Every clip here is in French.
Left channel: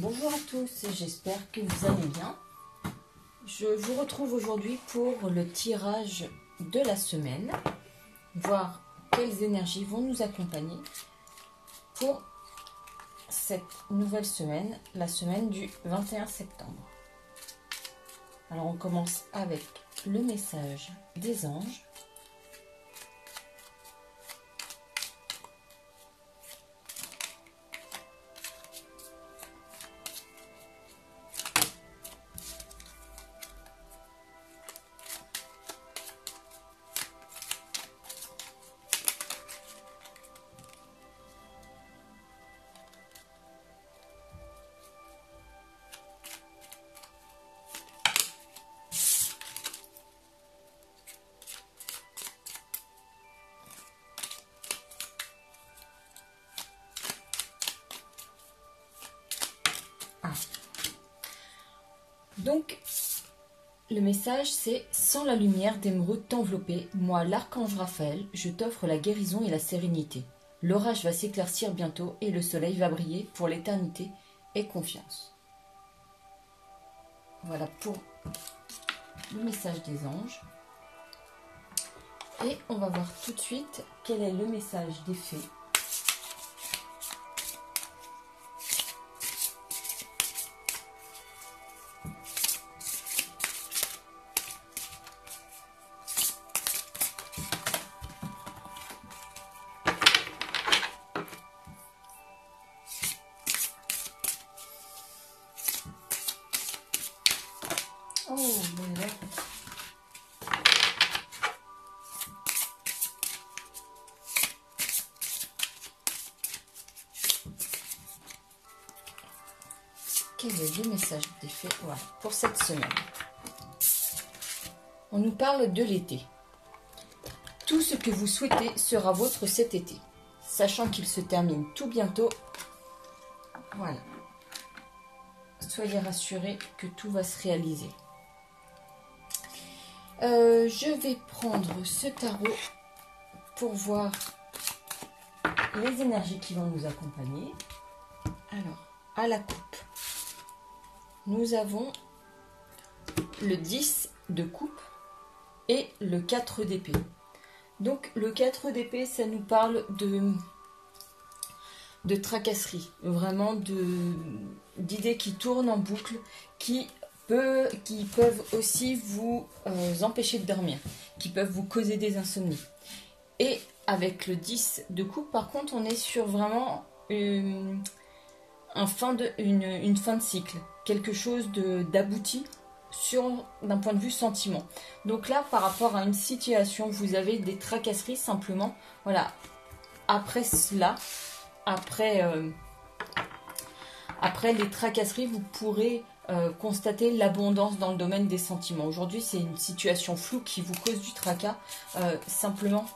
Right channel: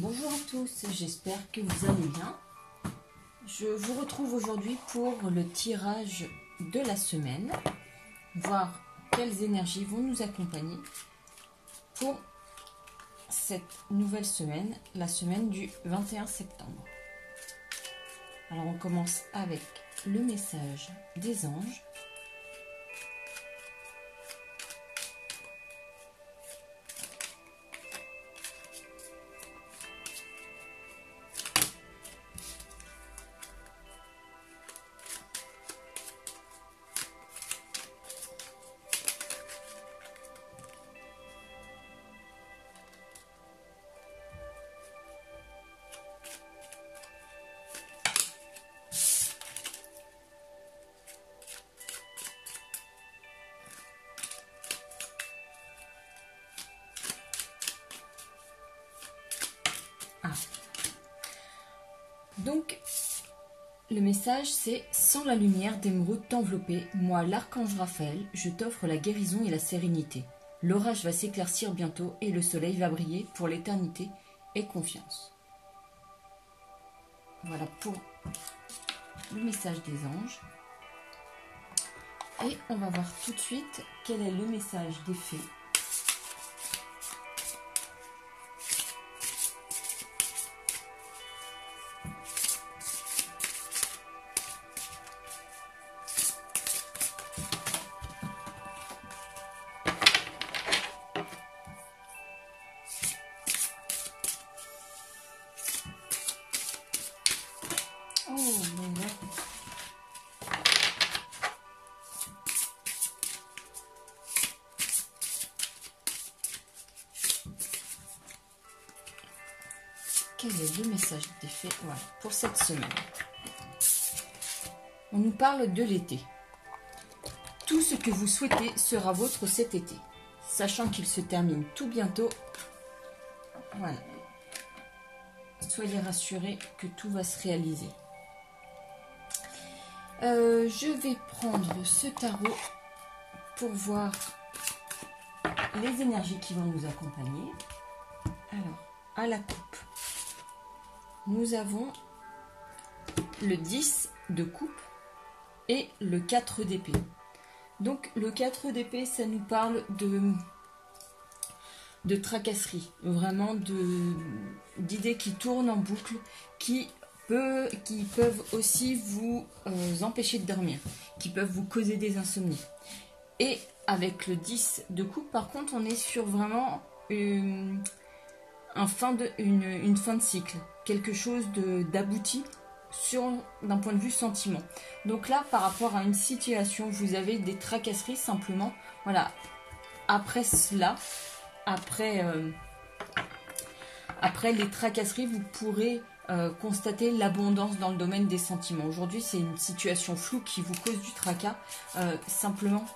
Bonjour à tous, j'espère que vous allez bien. Je vous retrouve aujourd'hui pour le tirage de la semaine, voir quelles énergies vont nous accompagner pour cette nouvelle semaine, la semaine du 21 septembre. Alors on commence avec le message des anges. Donc, le message c'est « Sans la lumière d'émeraude t'envelopper, moi l'archange Raphaël, je t'offre la guérison et la sérénité. L'orage va s'éclaircir bientôt et le soleil va briller pour l'éternité et confiance. » Voilà pour le message des anges. Et on va voir tout de suite quel est le message des fées. Oh, bon, quel est le message des fées, voilà, pour cette semaine? On nous parle de l'été. Tout ce que vous souhaitez sera vôtre cet été, sachant qu'il se termine tout bientôt. Voilà. Soyez rassurés que tout va se réaliser. Je vais prendre ce tarot pour voir les énergies qui vont nous accompagner. Alors, à la coupe, nous avons le 10 de coupe et le 4 d'épée. Donc, le 4 d'épée, ça nous parle de tracasserie, vraiment d'idées qui tournent en boucle, qui peuvent aussi vous empêcher de dormir, qui peuvent vous causer des insomnies. Et avec le 10 de coupe, par contre, on est sur vraiment une fin de cycle, quelque chose d'abouti d'un point de vue sentiment. Donc là, par rapport à une situation, vous avez des tracasseries simplement. Voilà. Après cela, après les tracasseries, vous pourrez constater l'abondance dans le domaine des sentiments. Aujourd'hui, c'est une situation floue qui vous cause du tracas. Simplement,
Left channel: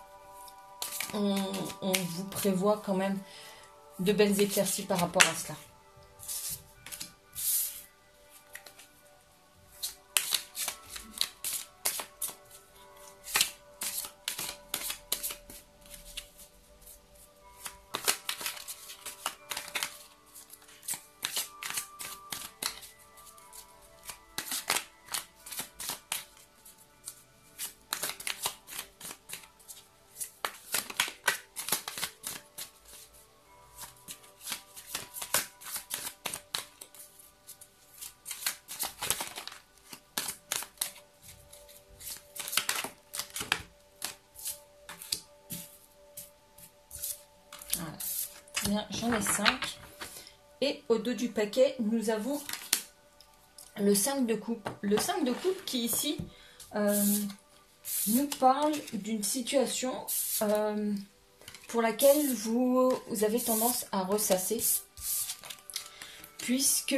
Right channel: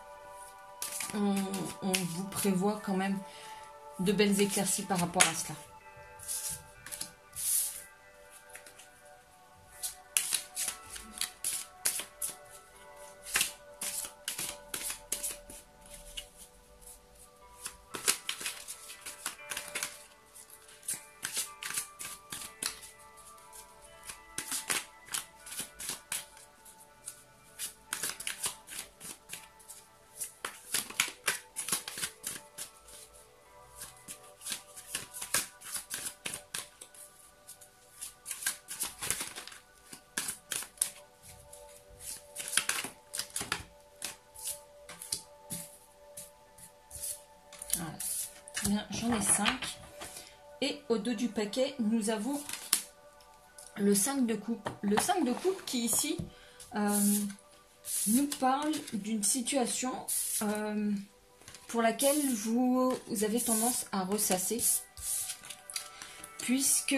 on vous prévoit quand même de belles éclaircies par rapport à cela. J'en ai 5. Et au dos du paquet, nous avons le 5 de coupe. Le 5 de coupe qui ici nous parle d'une situation pour laquelle vous avez tendance à ressasser. Puisque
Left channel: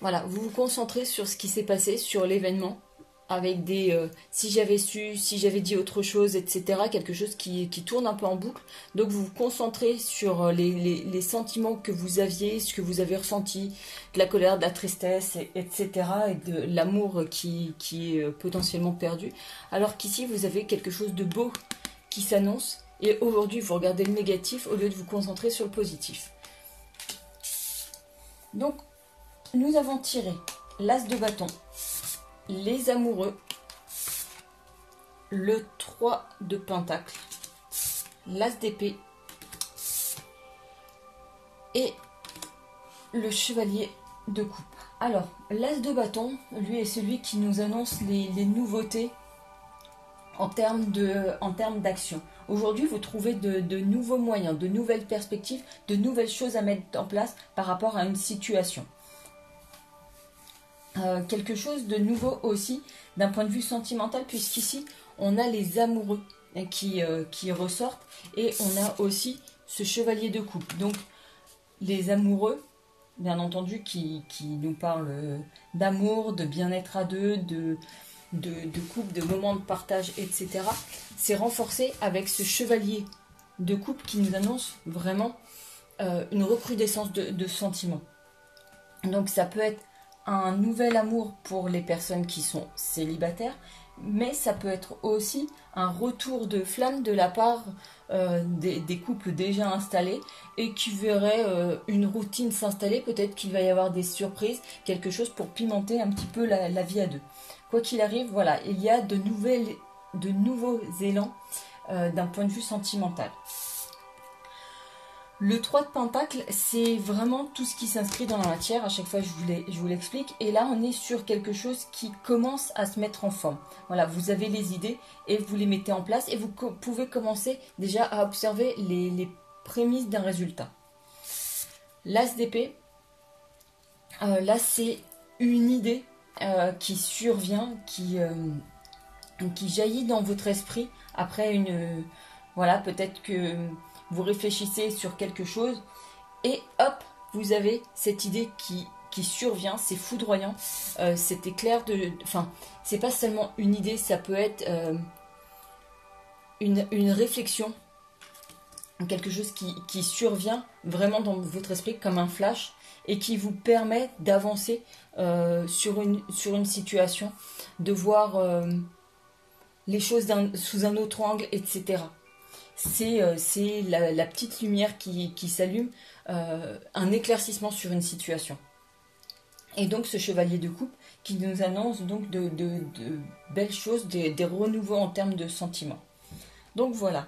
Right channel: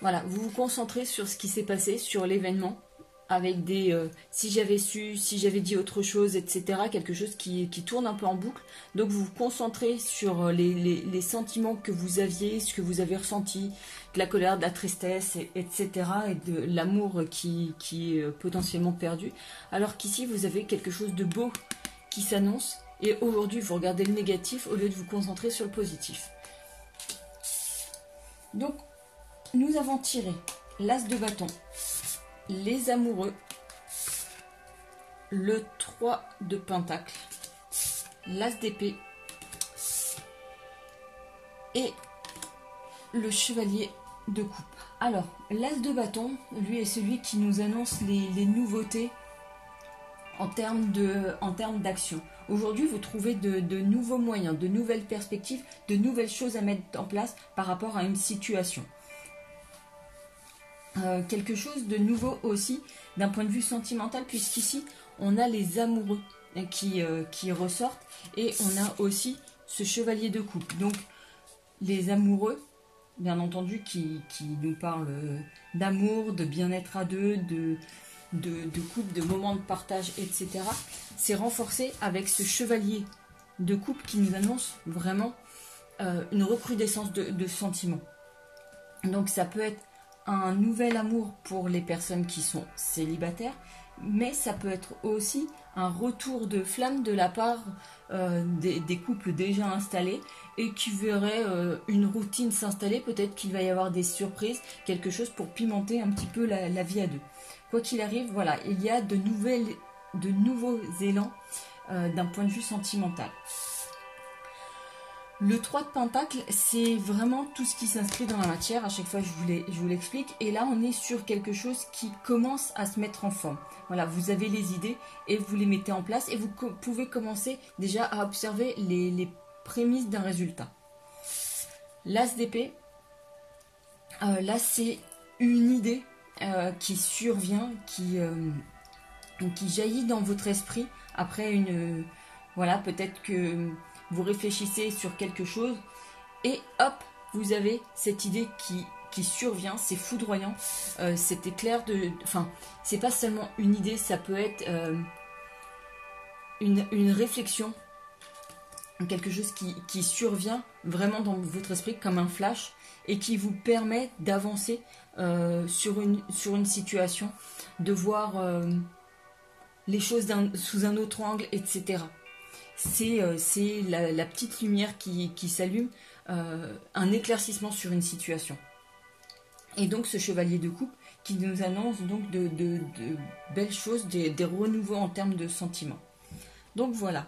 voilà, vous vous concentrez sur ce qui s'est passé, sur l'événement. Avec des si j'avais su, si j'avais dit autre chose, etc. Quelque chose qui tourne un peu en boucle. Donc vous vous concentrez sur les sentiments que vous aviez, ce que vous avez ressenti, de la colère, de la tristesse, etc. Et de l'amour qui est potentiellement perdu. Alors qu'ici vous avez quelque chose de beau qui s'annonce. Et aujourd'hui vous regardez le négatif au lieu de vous concentrer sur le positif. Donc, nous avons tiré l'As de bâton, les amoureux, le 3 de pentacle, l'As d'épée et le chevalier de coupe. Alors, l'As de bâton, lui, est celui qui nous annonce les nouveautés en termes d'action. Aujourd'hui, vous trouvez de nouveaux moyens, de nouvelles perspectives, de nouvelles choses à mettre en place par rapport à une situation. Quelque chose de nouveau aussi d'un point de vue sentimental, puisqu'ici, on a les amoureux qui ressortent et on a aussi ce chevalier de coupe. Donc, les amoureux, bien entendu, qui nous parlent d'amour, de bien-être à deux, de couple, de moments de partage, etc. C'est renforcé avec ce chevalier de coupe qui nous annonce vraiment une recrudescence de sentiments. Donc ça peut être un nouvel amour pour les personnes qui sont célibataires, mais ça peut être aussi un retour de flamme de la part des couples déjà installés et qui verraient une routine s'installer. Peut-être qu'il va y avoir des surprises, quelque chose pour pimenter un petit peu la vie à deux. Quoi qu'il arrive, voilà, il y a de nouveaux élans d'un point de vue sentimental. Le 3 de pentacle, c'est vraiment tout ce qui s'inscrit dans la matière. À chaque fois, je vous l'explique. Et là, on est sur quelque chose qui commence à se mettre en forme. Voilà, vous avez les idées et vous les mettez en place. Et vous pouvez commencer déjà à observer les prémices d'un résultat. L'As d'épée, là, c'est une idée qui survient, qui jaillit dans votre esprit après une... Voilà, peut-être que vous réfléchissez sur quelque chose et hop, vous avez cette idée qui survient, c'est foudroyant, c'est éclair de... Enfin, c'est pas seulement une idée, ça peut être une réflexion, quelque chose qui survient vraiment dans votre esprit comme un flash et qui vous permet d'avancer sur une situation, de voir les choses sous un autre angle, etc. C'est la petite lumière qui s'allume, un éclaircissement sur une situation. Et donc ce chevalier de coupe qui nous annonce donc de belles choses, des renouveaux en termes de sentiments. Donc voilà,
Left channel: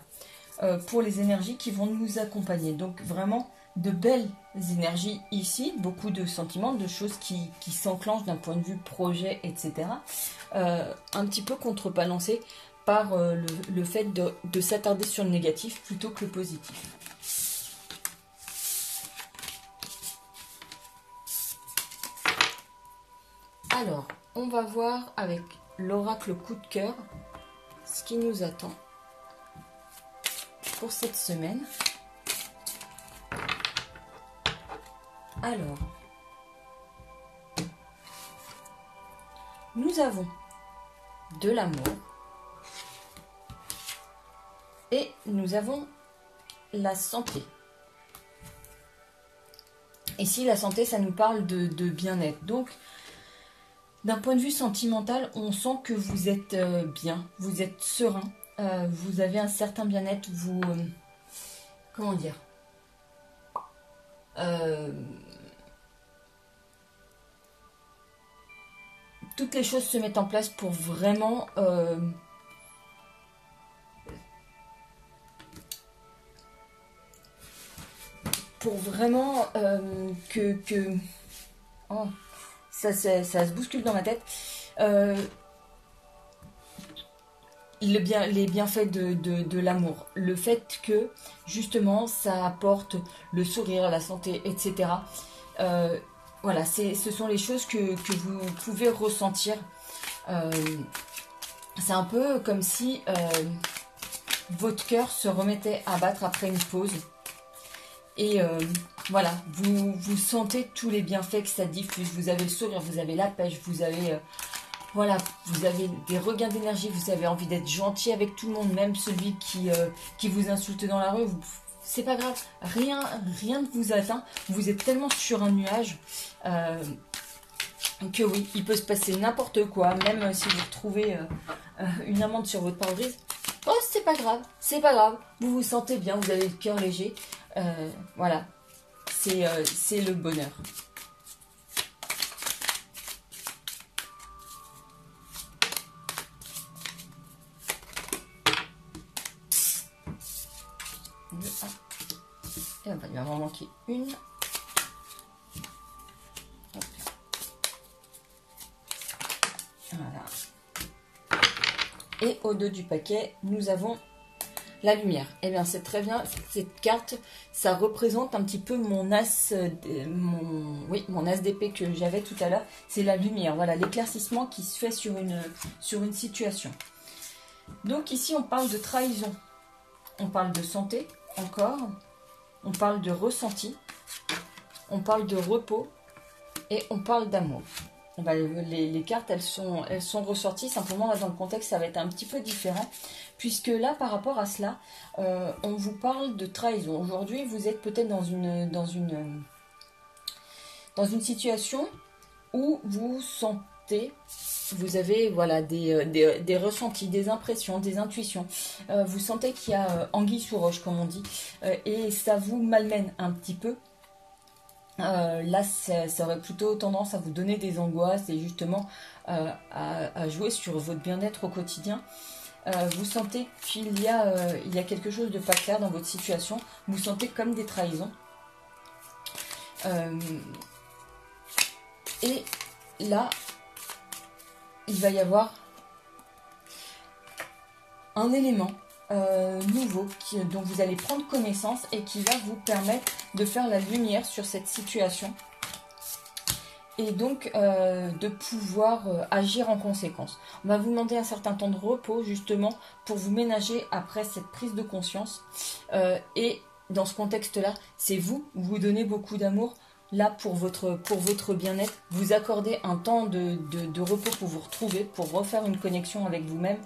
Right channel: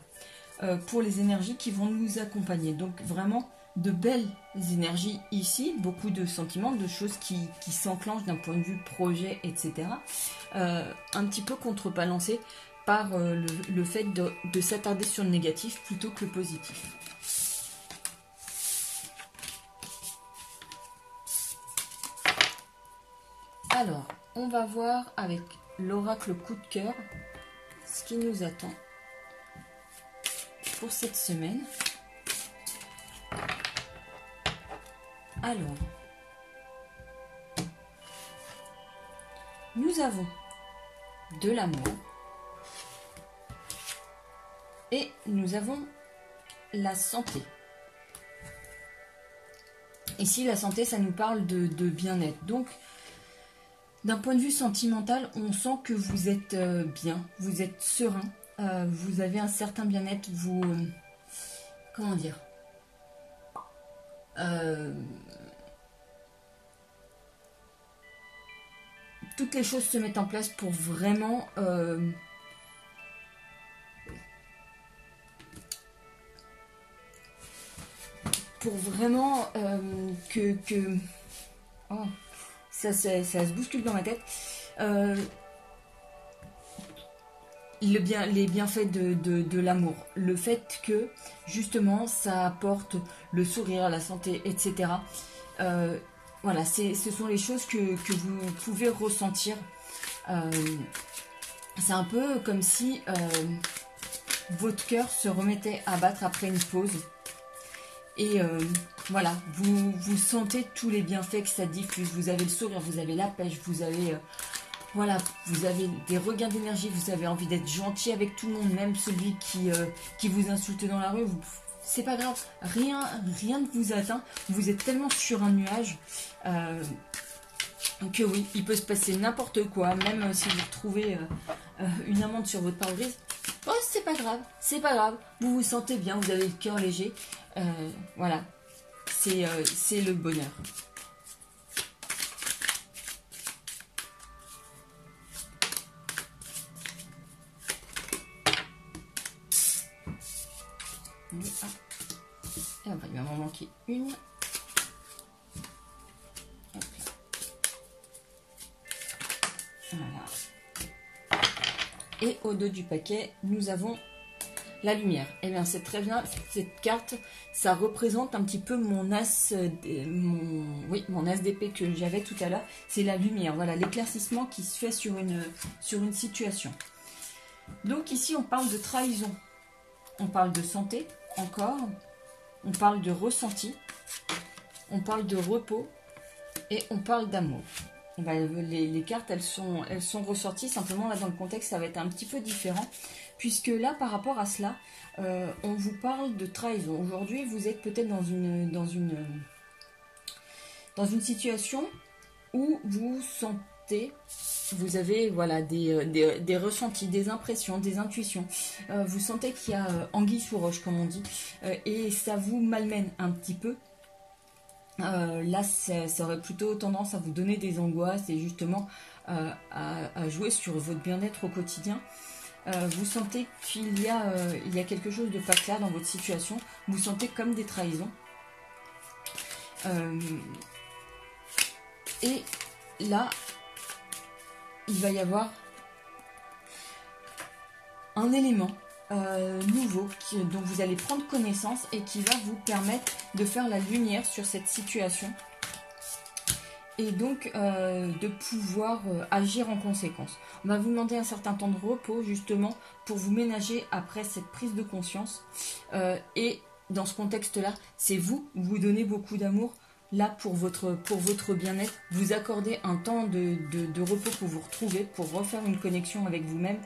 pour les énergies qui vont nous accompagner. Donc vraiment de belles énergies ici, beaucoup de sentiments, de choses qui s'enclenchent d'un point de vue projet, etc. Un petit peu contrebalancé par le fait de s'attarder sur le négatif plutôt que le positif. Alors, on va voir avec l'oracle coup de cœur ce qui nous attend pour cette semaine. Alors, nous avons de l'amour et nous avons la santé. Ici, la santé, ça nous parle de bien-être. Donc, d'un point de vue sentimental, on sent que vous êtes bien, vous êtes serein, vous avez un certain bien-être, vous... comment dire, toutes les choses se mettent en place pour vraiment que oh, ça se bouscule dans ma tête. Les bienfaits de l'amour, le fait que justement ça apporte le sourire, la santé, etc. Voilà, ce sont les choses que vous pouvez ressentir. C'est un peu comme si votre cœur se remettait à battre après une pause. Et voilà, vous sentez tous les bienfaits que ça diffuse. Vous avez le sourire, vous avez la pêche, vous avez... voilà, vous avez des regains d'énergie, vous avez envie d'être gentil avec tout le monde, même celui qui vous insulte dans la rue. C'est pas grave, rien ne vous atteint. Vous êtes tellement sur un nuage que oui, il peut se passer n'importe quoi, même si vous retrouvez une amende sur votre pare-brise. Oh, c'est pas grave, vous vous sentez bien, vous avez le cœur léger. Voilà, c'est le bonheur. Et il va m'en manquer une. Hop. Voilà. Et au dos du paquet, nous avons la lumière. Et bien c'est très bien, cette carte, ça représente un petit peu mon as, mon as d'épée que j'avais tout à l'heure. C'est la lumière, voilà, l'éclaircissement qui se fait sur une situation. Donc ici on parle de trahison, on parle de santé encore, on parle de ressenti, on parle de repos et on parle d'amour. Les cartes elles sont ressorties, simplement là, dans le contexte ça va être un petit peu différent, puisque là par rapport à cela on vous parle de trahison. Aujourd'hui vous êtes peut-être dans une situation où vous sentez, vous avez voilà, des ressentis, des impressions, des intuitions, vous sentez qu'il y a anguille sous roche comme on dit, et ça vous malmène un petit peu. Là ça aurait plutôt tendance à vous donner des angoisses et justement à jouer sur votre bien-être au quotidien. Vous sentez qu'il y a quelque chose de pas clair dans votre situation, vous sentez comme des trahisons. Et là, il va y avoir un élément nouveau dont vous allez prendre connaissance et qui va vous permettre de faire la lumière sur cette situation et donc de pouvoir agir en conséquence. On va vous demander un certain temps de repos justement pour vous ménager après cette prise de conscience et dans ce contexte-là, c'est vous donnez beaucoup d'amour là pour votre bien-être, vous accordez un temps de repos pour vous retrouver, pour refaire une connexion avec vous-même,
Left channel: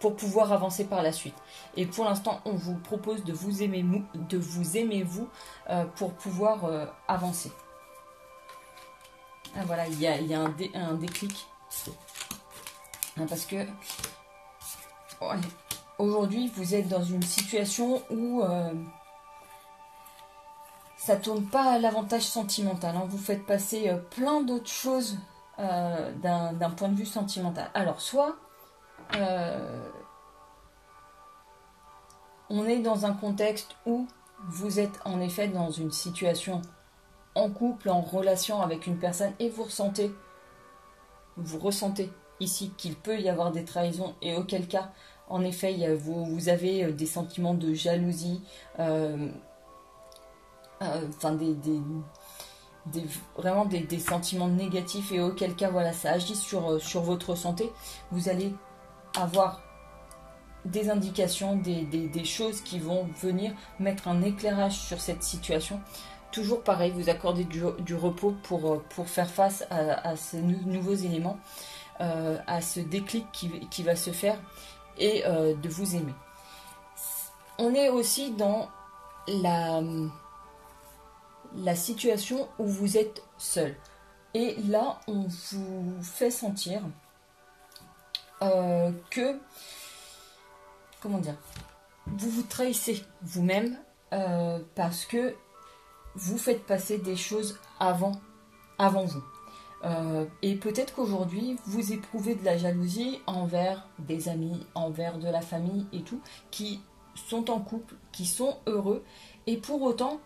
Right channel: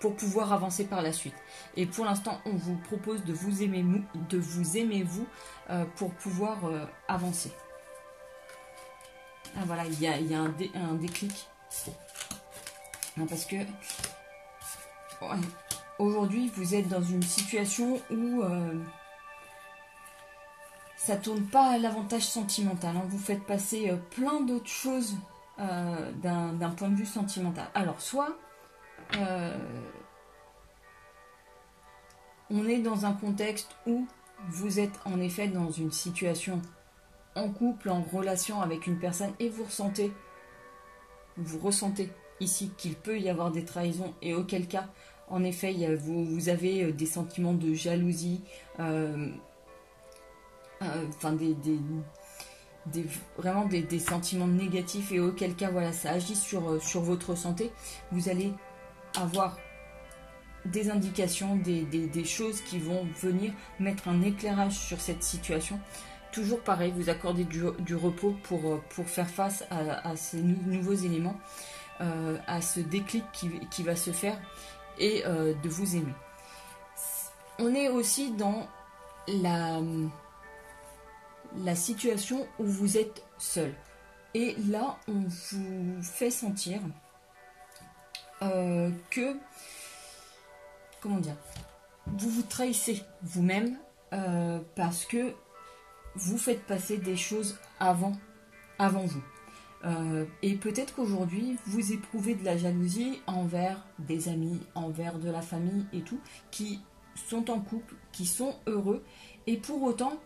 pour pouvoir avancer par la suite. Et pour l'instant, on vous propose de vous aimer vous pour pouvoir avancer. Ah, voilà, il y a un déclic. Parce que ouais, aujourd'hui, vous êtes dans une situation où ça tourne pas à l'avantage sentimental. Vous faites passer plein d'autres choses d'un point de vue sentimental. Alors, soit on est dans un contexte où vous êtes en effet dans une situation en couple, en relation avec une personne et vous ressentez ici qu'il peut y avoir des trahisons et auquel cas, en effet, vous avez des sentiments de jalousie, vraiment des sentiments négatifs et auquel cas, voilà, ça agit sur votre santé. Vous allez avoir des indications, des choses qui vont venir mettre un éclairage sur cette situation. Toujours pareil, vous accordez du repos pour faire face à ces nouveaux éléments, à ce déclic qui va se faire et de vous aimer. On est aussi dans la situation où vous êtes seul. Et là, on vous fait sentir que, comment dire, vous vous trahissez vous-même parce que vous faites passer des choses avant vous. Et peut-être qu'aujourd'hui, vous éprouvez de la jalousie envers des amis, envers de la famille et tout, qui sont en couple, qui sont heureux, et pour autant,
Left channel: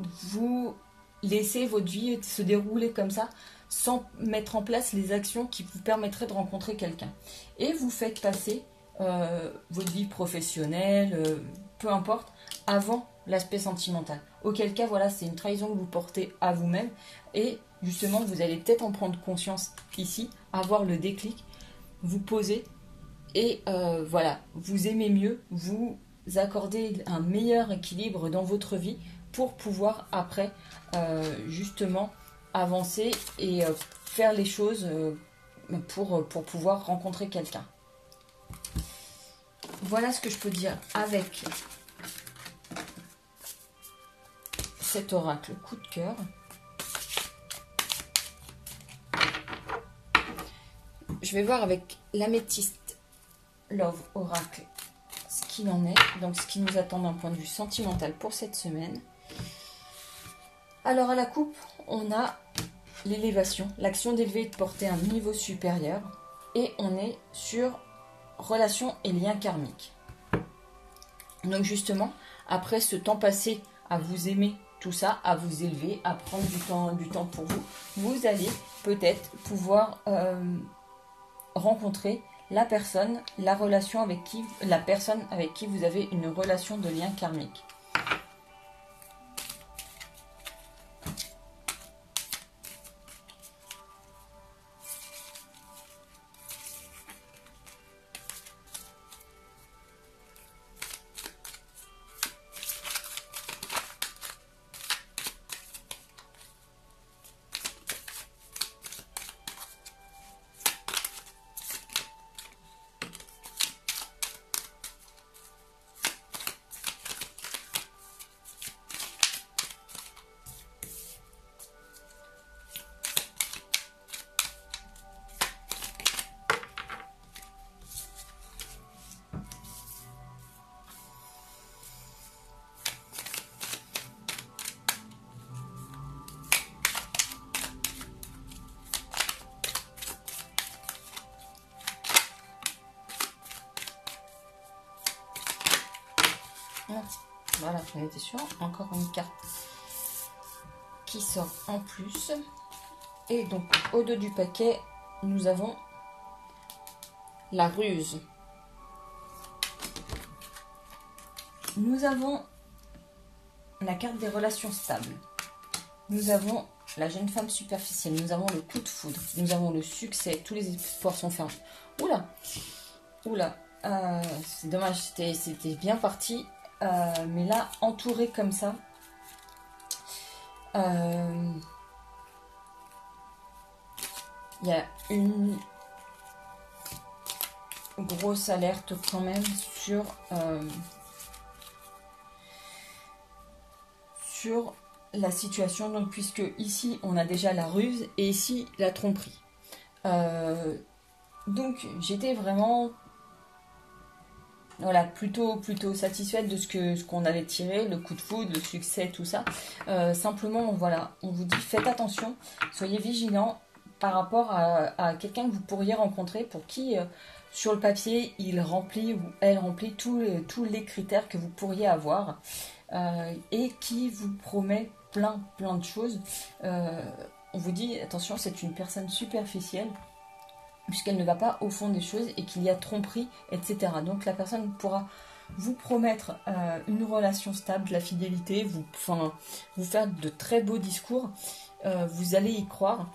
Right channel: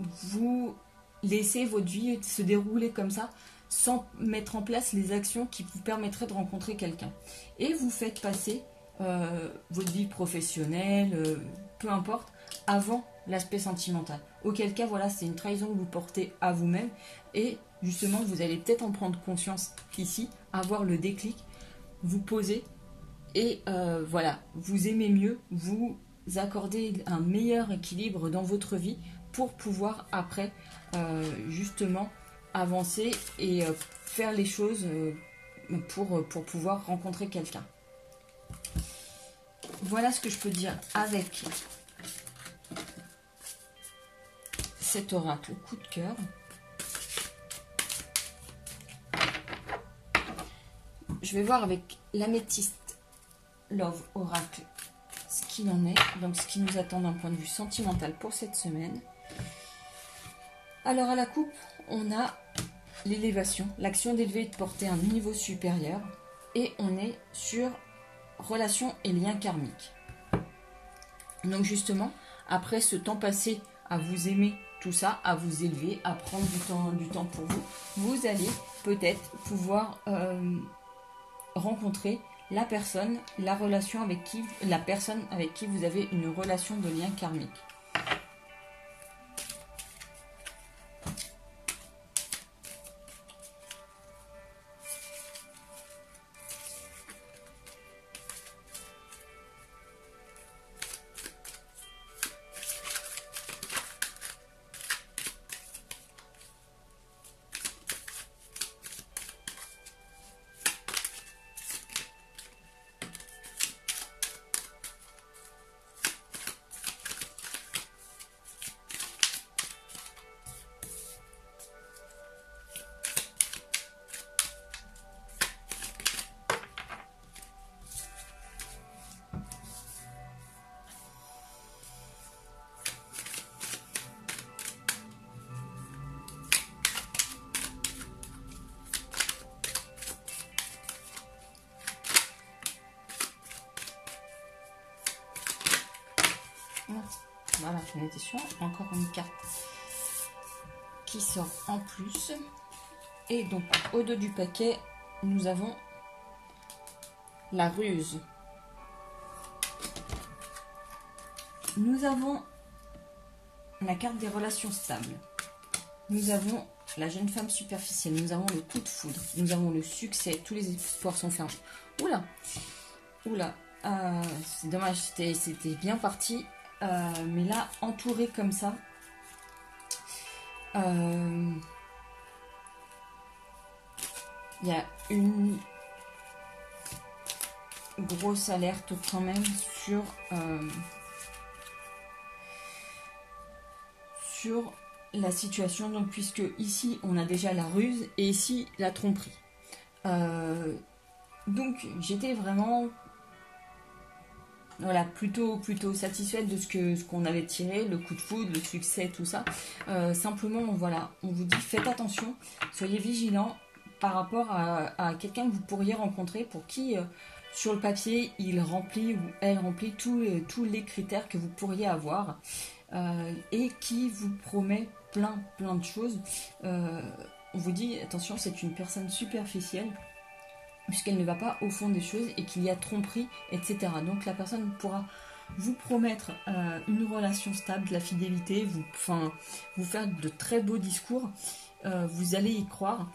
vous laissez votre vie se dérouler comme ça, sans mettre en place les actions qui vous permettraient de rencontrer quelqu'un. Et vous faites passer votre vie professionnelle, peu importe, avant l'aspect sentimental. Auquel cas, voilà, c'est une trahison que vous portez à vous-même. Et justement, vous allez peut-être en prendre conscience ici, avoir le déclic, vous poser et voilà, vous aimez mieux, vous accordez un meilleur équilibre dans votre vie pour pouvoir après justement avancer et faire les choses pour pouvoir rencontrer quelqu'un. Voilà ce que je peux dire avec cet oracle coup de cœur. Je vais voir avec l'améthyste Love Oracle ce qu'il en est, donc ce qui nous attend d'un point de vue sentimental pour cette semaine. Alors à la coupe, on a l'élévation, l'action d'élever et de porter un niveau supérieur, et on est sur relations et liens karmiques. Donc justement, après ce temps passé à vous aimer, tout ça, à vous élever, à prendre du temps pour vous, vous allez peut-être pouvoir rencontrer la personne, la personne avec qui vous avez une relation de lien karmique. Voilà, j'en étais sûre. Encore une carte qui sort en plus. Et donc, au dos du paquet, nous avons la ruse. Nous avons la carte des relations stables. Nous avons la jeune femme superficielle. Nous avons le coup de foudre. Nous avons le succès. Tous les espoirs sont fermés. Oula, oula. C'est dommage, c'était bien parti. Mais là, entouré comme ça, il y a une grosse alerte quand même sur la situation. Donc, puisque ici, on a déjà la ruse et ici, la tromperie. Donc, j'étais vraiment... Voilà, plutôt satisfaite de ce qu'on avait tiré, le coup de foudre, le succès, tout ça. Simplement, voilà, on vous dit, faites attention, soyez vigilants par rapport à quelqu'un que vous pourriez rencontrer pour qui, sur le papier, il remplit ou elle remplit tous les critères que vous pourriez avoir et qui vous promet plein de choses. On vous dit, attention, c'est une personne superficielle, puisqu'elle ne va pas au fond des choses et qu'il y a tromperie, etc. Donc la personne pourra vous promettre une relation stable, de la fidélité, vous faire de très beaux discours, vous allez y croire.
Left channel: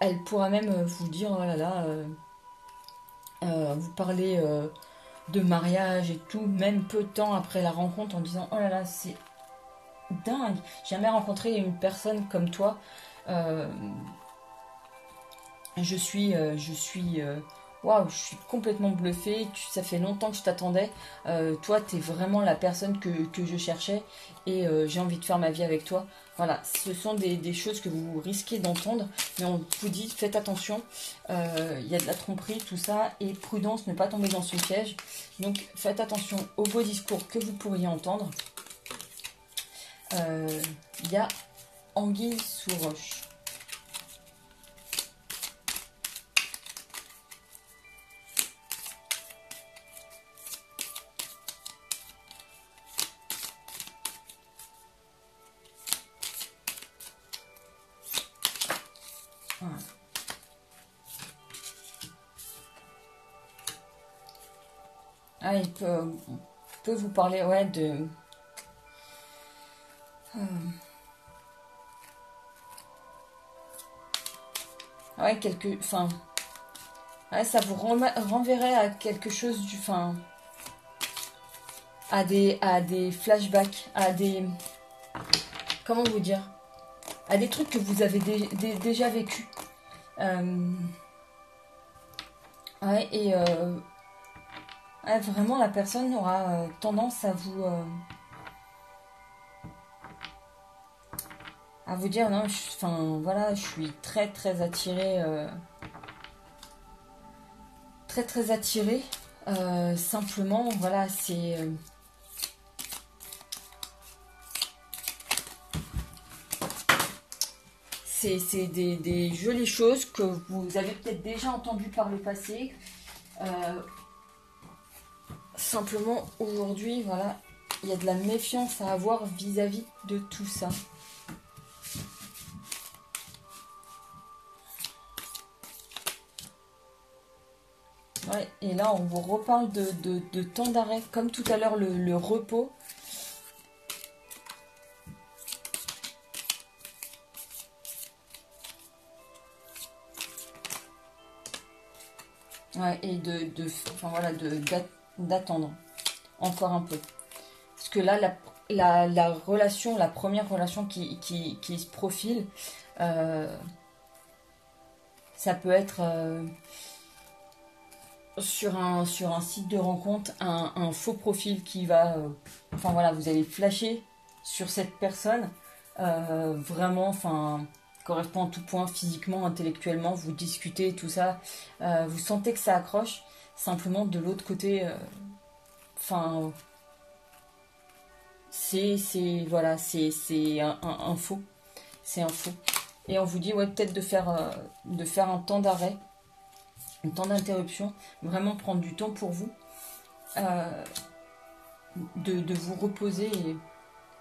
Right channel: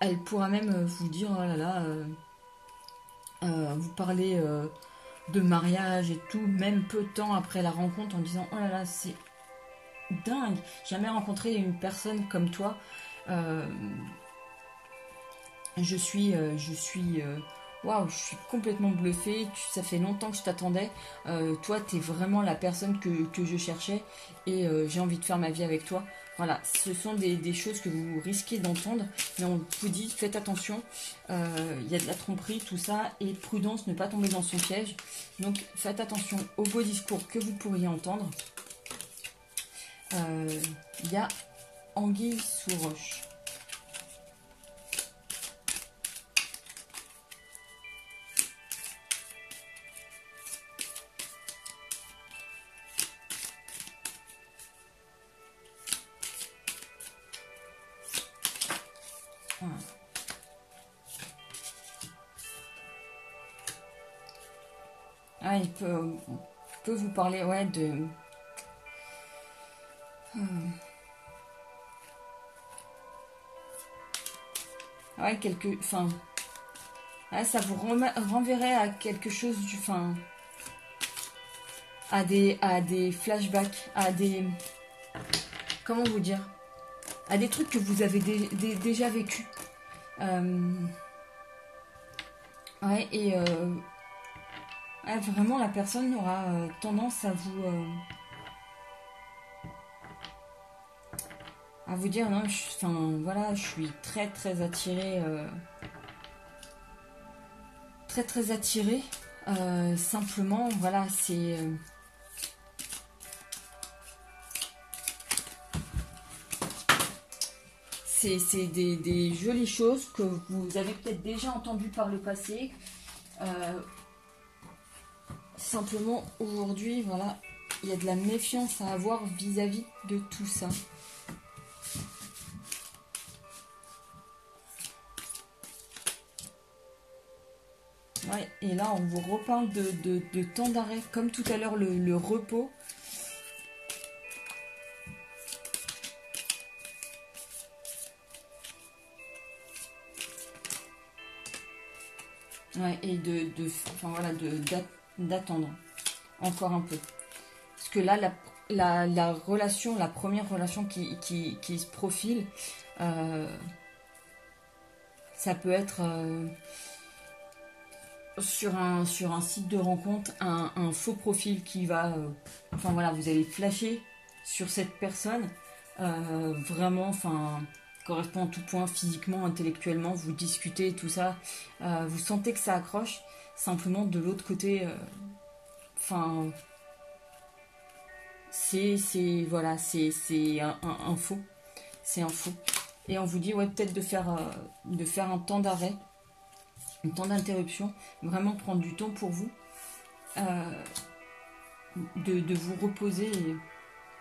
Elle pourra même vous dire, oh là là, vous parler de mariage et tout, même peu de temps après la rencontre, en disant, oh là là, c'est dingue, j'ai jamais rencontré une personne comme toi. Je suis waouh, je suis complètement bluffée. Ça fait longtemps que je t'attendais. Toi, tu es vraiment la personne que je cherchais et j'ai envie de faire ma vie avec toi. Voilà, ce sont des choses que vous risquez d'entendre, mais on vous dit, faites attention. Il y a de la tromperie, tout ça, et prudence, ne pas tomber dans son piège. Donc, faites attention aux beaux discours que vous pourriez entendre. Il y a anguille sous roche. Ah, il peut vous parler, ouais, de... Ouais, enfin... Ouais, ça vous renverrait à quelque chose du... Enfin... À des flashbacks, à des... Comment vous dire? À des trucs que vous avez déjà vécu. Ouais, et... Ouais, vraiment, la personne aura tendance à vous dire, non, voilà, je suis très attirée, très attirée. Simplement, voilà, c'est des jolies choses que vous avez peut-être déjà entendues par le passé. Simplement, aujourd'hui, voilà, il y a de la méfiance à avoir vis-à-vis de tout ça. Ouais, et là, on vous reparle de temps d'arrêt, comme tout à l'heure, le repos. Ouais, et enfin, voilà, d'attendre encore un peu. Parce que là, la relation, la première relation qui se profile, ça peut être sur un site de rencontre, un faux profil qui va... enfin voilà, vous allez flasher sur cette personne, vraiment, enfin... correspond en tout point, physiquement, intellectuellement, vous discutez, tout ça, vous sentez que ça accroche, simplement de l'autre côté, enfin, voilà, c'est un faux, c'est un faux. Et on vous dit, ouais, peut-être de faire un temps d'arrêt, un temps d'interruption, vraiment prendre du temps pour vous, de vous reposer, et,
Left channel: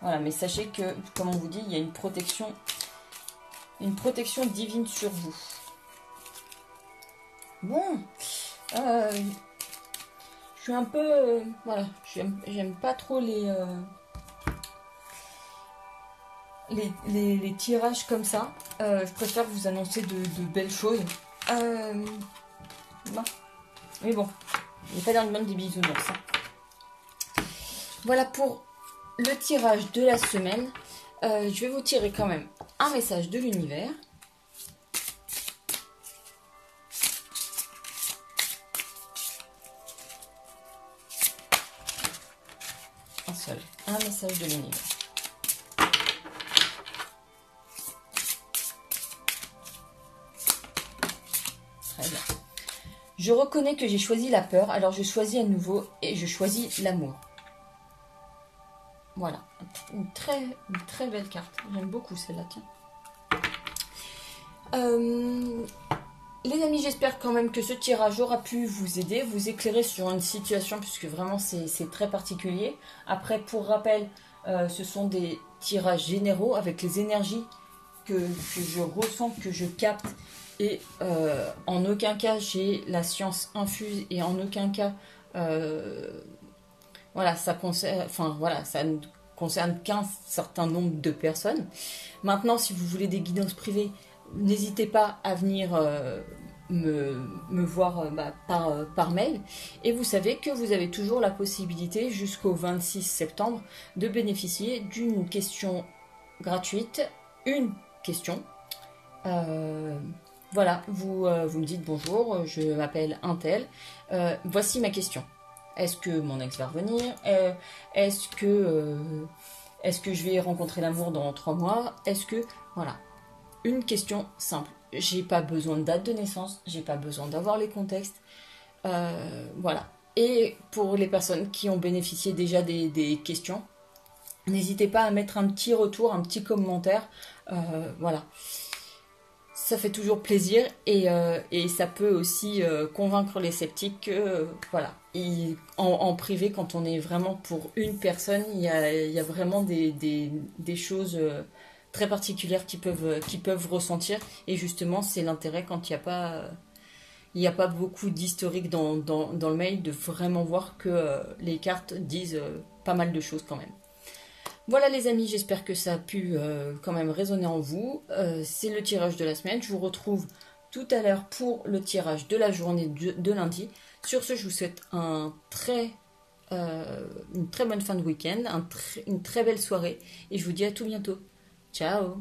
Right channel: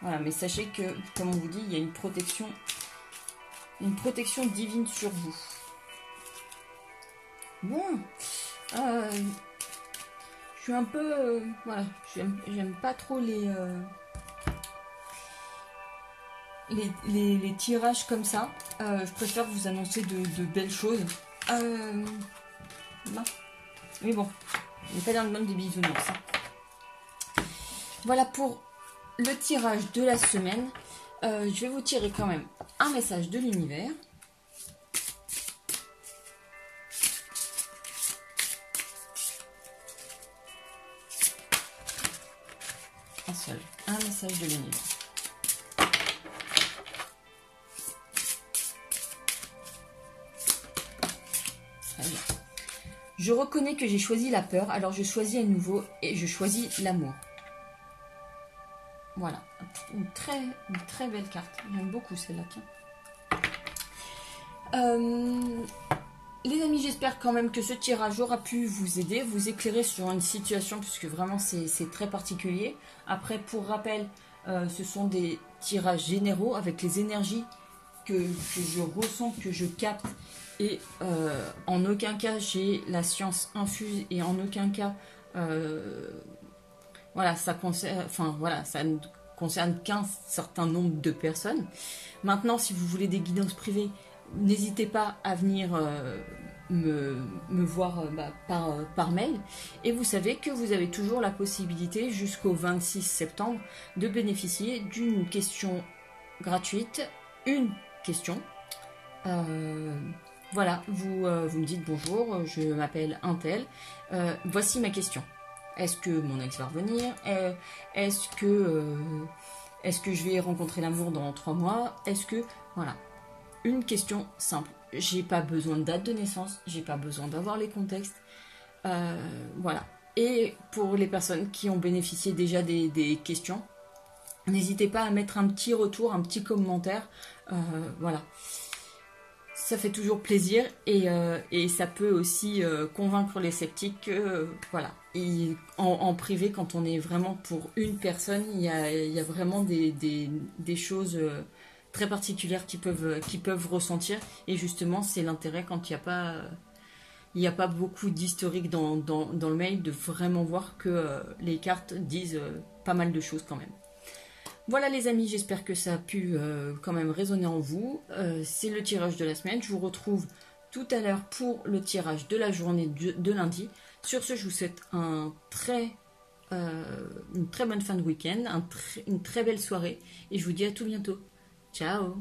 voilà, mais sachez que, comme on vous dit, il y a une protection divine sur vous. Bon, je suis un peu... voilà, j'aime pas trop les tirages comme ça. Je préfère vous annoncer de belles choses. Non. Mais bon, je vais pas dire le monde des bisounours. Voilà pour le tirage de la semaine. Je vais vous tirer quand même un message de l'univers. Un seul. Un message de l'univers. Très bien. Je reconnais que j'ai choisi la peur, alors je choisis à nouveau et je choisis l'amour. Voilà. Une très belle carte. J'aime beaucoup celle-là. Les amis, j'espère quand même que ce tirage aura pu vous aider, vous éclairer sur une situation, puisque vraiment c'est très particulier. Après, pour rappel, ce sont des tirages généraux avec les énergies que je ressens, que je capte. Et en aucun cas j'ai la science infuse, et en aucun cas voilà, ça concerne, enfin voilà, ça ne concerne qu'un certain nombre de personnes. Maintenant, si vous voulez des guidances privées, n'hésitez pas à venir me voir par mail. Et vous savez que vous avez toujours la possibilité jusqu'au 26 septembre de bénéficier d'une question gratuite, une question. Voilà, vous me dites bonjour, je m'appelle Untel, voici ma question. Est-ce que mon ex va revenir? Est-ce que je vais rencontrer l'amour dans 3 mois? Est-ce que... Voilà. Une question simple. J'ai pas besoin de date de naissance, j'ai pas besoin d'avoir les contextes. Voilà. Et pour les personnes qui ont bénéficié déjà des questions, n'hésitez pas à mettre un petit retour, un petit commentaire. Voilà. Ça fait toujours plaisir, et ça peut aussi convaincre les sceptiques que voilà, en privé, quand on est vraiment pour une personne, il y a vraiment des choses très particulières qui peuvent ressentir, et justement c'est l'intérêt quand il n'y a pas beaucoup d'historique dans le mail, de vraiment voir que les cartes disent pas mal de choses quand même. Voilà les amis, j'espère que ça a pu quand même résonner en vous. C'est le tirage de la semaine. Je vous retrouve tout à l'heure pour le tirage de la journée de lundi. Sur ce, je vous souhaite une très bonne fin de week-end, une très belle soirée. Et je vous dis à tout bientôt. Ciao!